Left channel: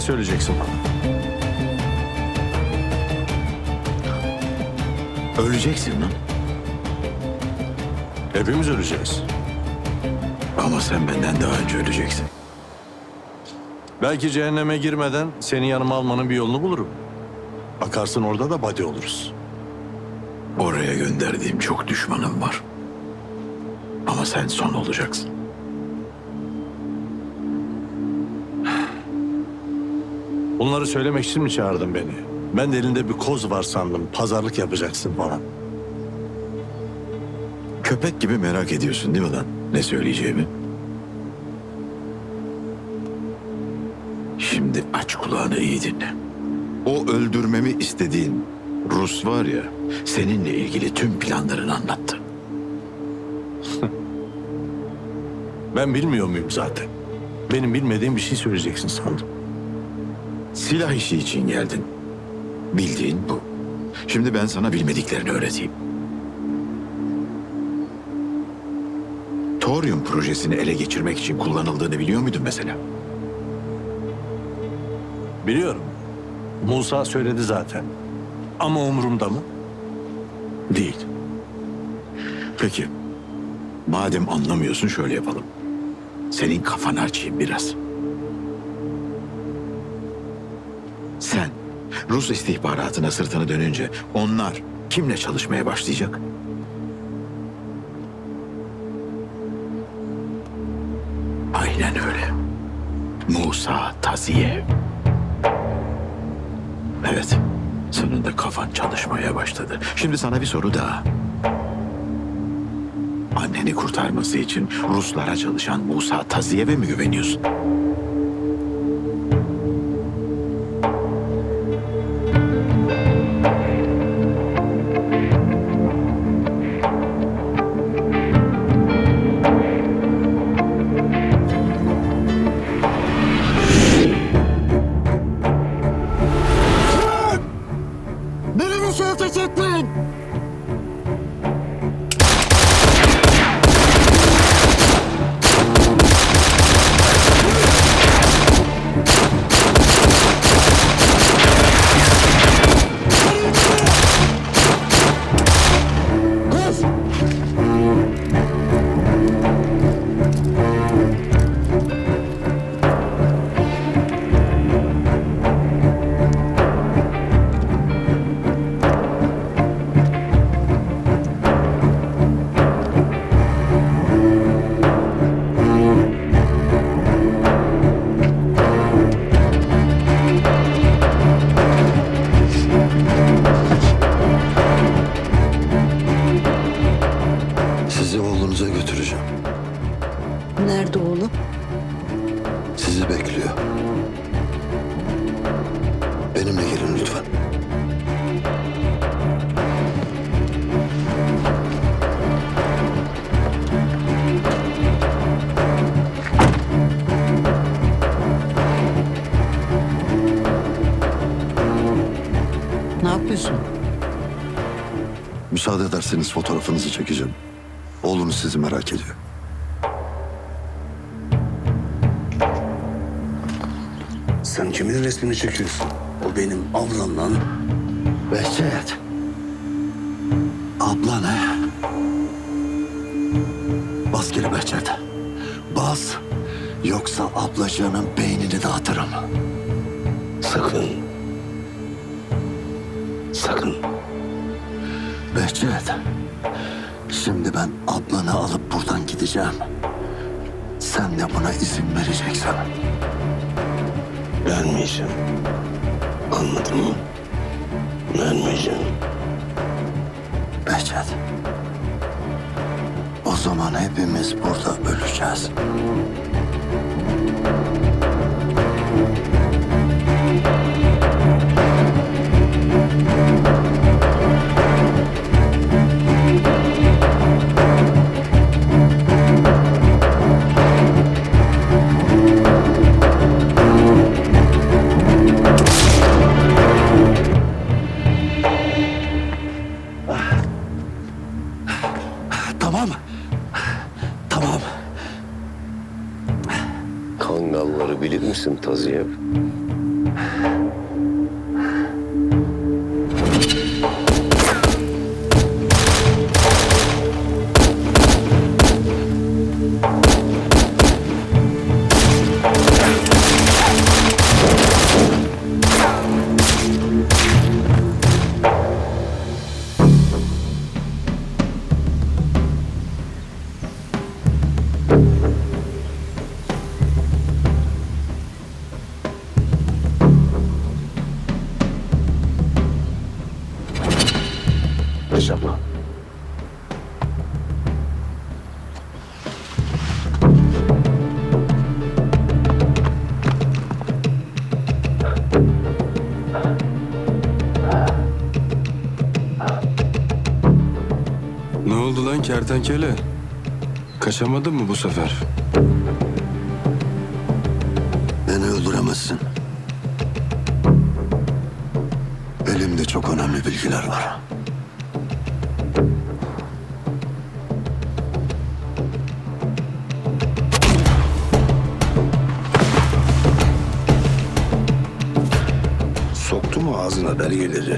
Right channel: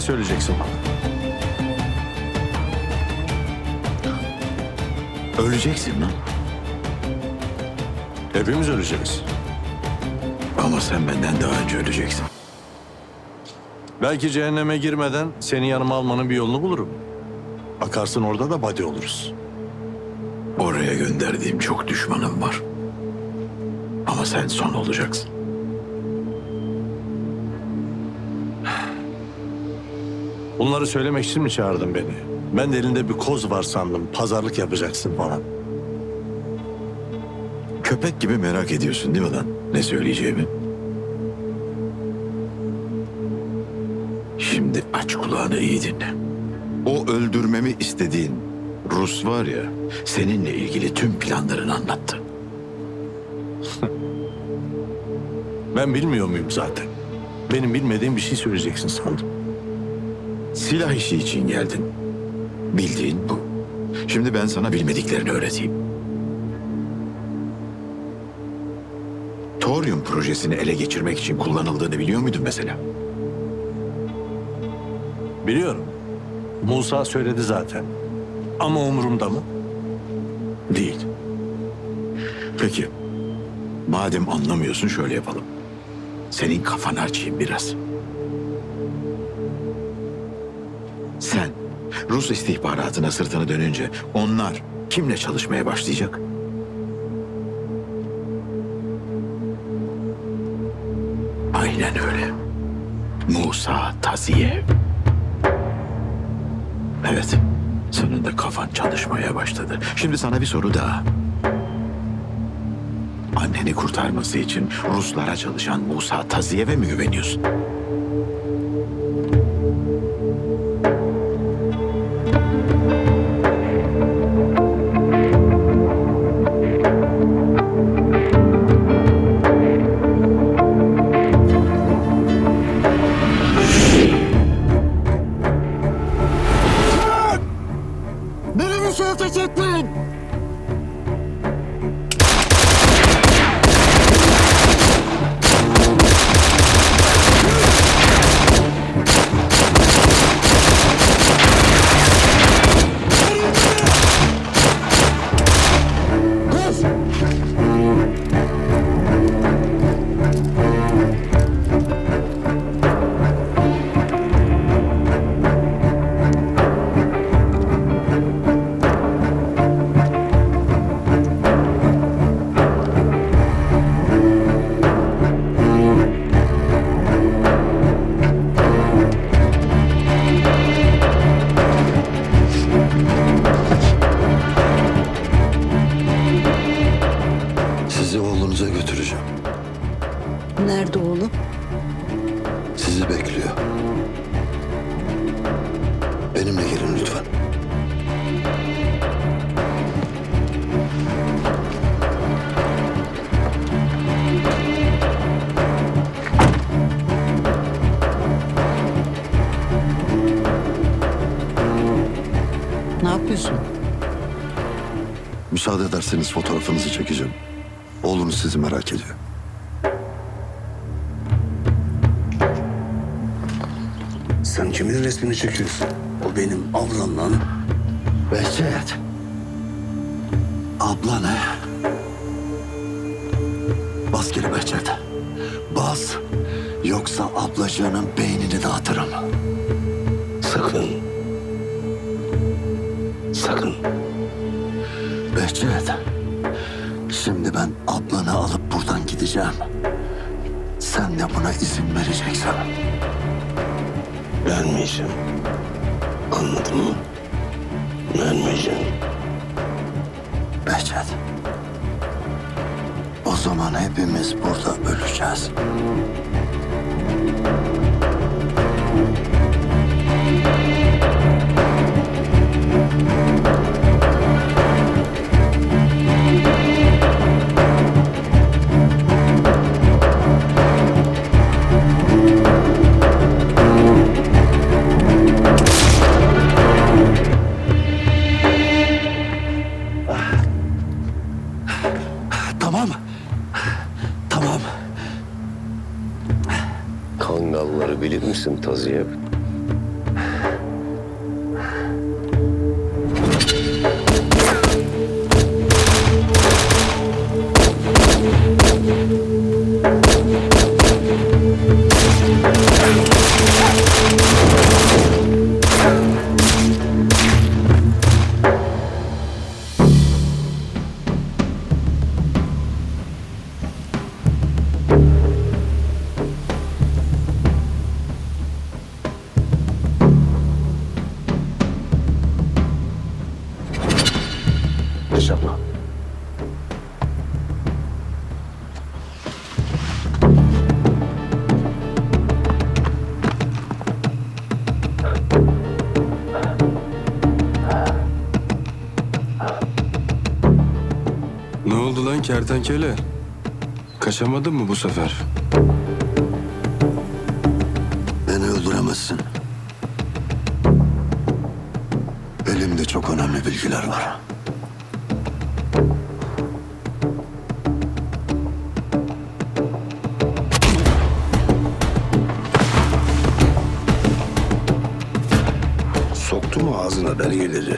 Ne söyleyeceksin bana? Öleceksin lan. Hepimiz öleceğiz. Ama sen benden daha önce öleceksin. Belki cehenneme girmeden seni yanıma almanın bir yolunu bulurum. Bakarsın orada da buddy oluruz. Oraya gönderdiğim çok düşmanım var. Ama sen son olacaksın. Bunları söylemek için mi çağırdın beni? Ben de elinde bir koz var sandım. Pazarlık yapacaksın falan. Köpek gibi merak ediyorsun değil mi lan? Ne söyleyeceğimi? Şimdi aç kulağını iyi dinle. O öldürmemi istediğin Rus var ya, seninle ilgili tüm planlarını anlattı. Ben bilmiyor muyum zaten? Benim bilmediğim bir şey söyleyeceksin sandım. Silah işi için geldin. Bildiğin bu. Şimdi ben sana bilmediklerini öğreteyim. Thorium projesini ele geçirmek için kullanıldığını biliyor muydun mesela? Biliyorum. Musa söyledi zaten. Ama umurumda mı? Değil. Peki. Madem anlamıyorsun şöyle yapalım. Senin kafanı açayım biraz. Sen Rus istihbaratına sırtını dönünce onlar kimle çalışmaya başlayacak? Aynen öyle. Musa Taziyev. Evet. Sonunda kafan çalışmaya başladı. Şimdi sana bir soru daha. Anneni kurtarması için Ruslara çalışan Musa Taziyev'e mi güveniyorsun? Beni bir şey Nerede oğlum? Sizi bekliyor. Benimle gelin lütfen. Ne yapıyorsun? Müsaade ederseniz fotoğrafınızı çekeceğim. Oğlunuz sizi merak ediyor. Sen kimin resmini çekiyorsun? O benim ablam lan. Behçet. Abla ne? Bas geri Behçet. Bas. Yoksa ablacığının beynini dağıtırım. Sakın. Sakın. Behçet. Şimdi ben ablanı alıp buradan gideceğim. Sen de buna izin vereceksin. Vermeyeceğim. Anladın mı? Vermeyeceğim. Behçet. O zaman hepimiz burada öleceğiz. Tamam. Tamam. Kangalları bilir misin Taziyep? İnşallah. Ne oldu lan kertenkele? Kaçamadın mı bu sefer? Beni öldüremezsin. Elimde çok önemli bilgiler var. Soktu mu ağzına belgeleri?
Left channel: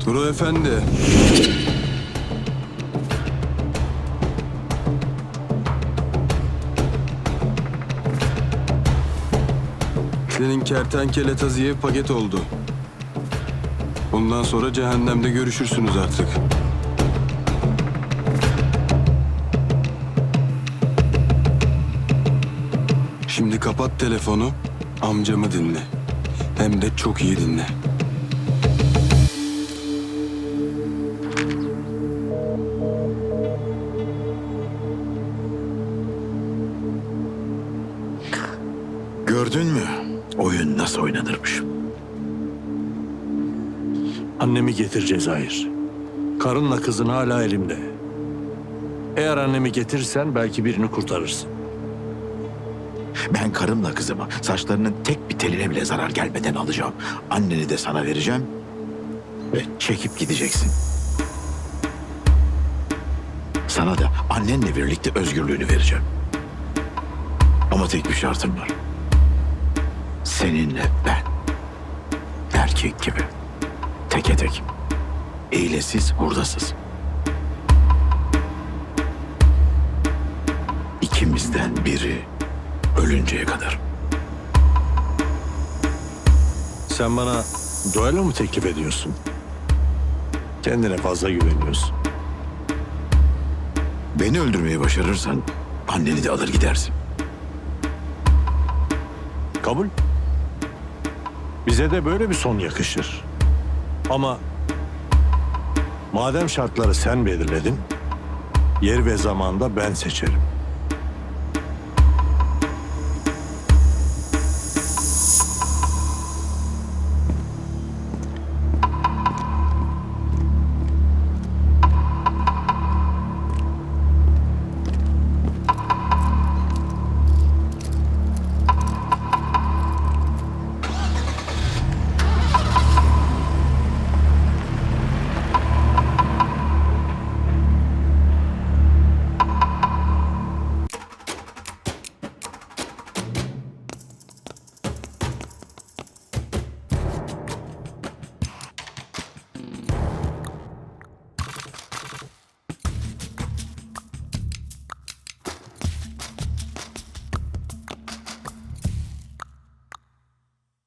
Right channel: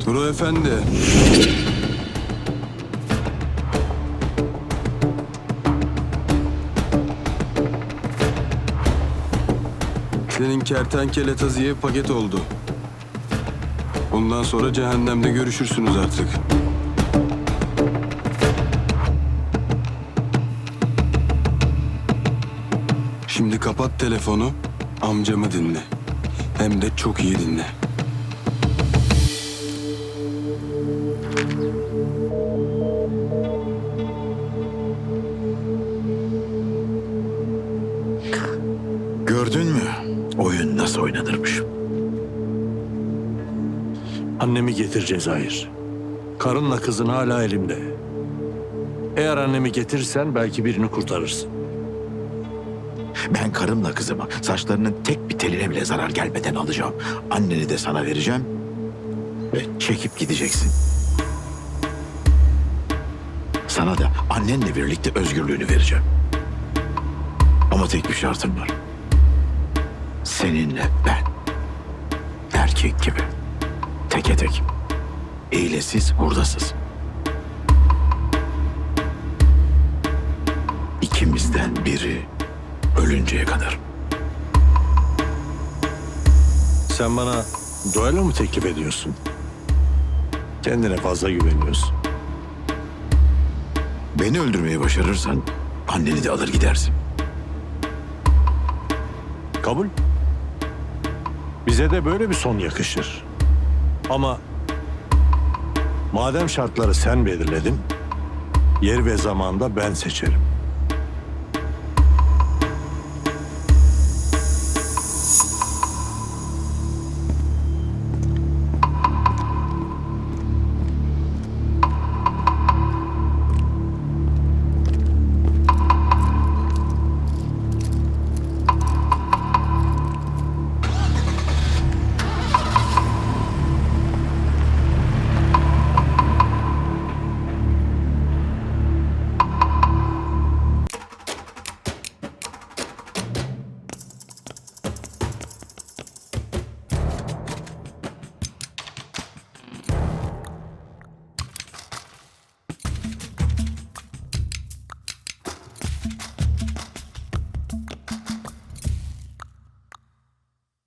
Turo Efendi. Senin kertenkele taziye paket oldu. Bundan sonra cehennemde görüşürsünüz artık. Şimdi kapat telefonu, amcamı dinle. Hem de çok iyi dinle. Oyun nasıl oynanırmış? Annemi getir Cezayir. Karınla kızın hala elimde. Eğer annemi getirirsen belki birini kurtarırsın. Ben karımla kızımı saçlarının tek bir teline bile zarar gelmeden alacağım. Anneni de sana vereceğim ve çekip gideceksin. Sana da annenle birlikte özgürlüğünü vereceğim. Ama tek bir şartım var. Seninle ben. Erkek gibi. Teke tek. Eylesiz, hurdasız. İkimizden biri ölünceye kadar. Sen bana duelo mu teklif ediyorsun? Kendine fazla güveniyorsun. Beni öldürmeyi başarırsan anneni de alır gidersin. Kabul. Bize de böyle bir son yakışır. Ama madem şartları sen belirledin, yer ve zamanda ben seçerim.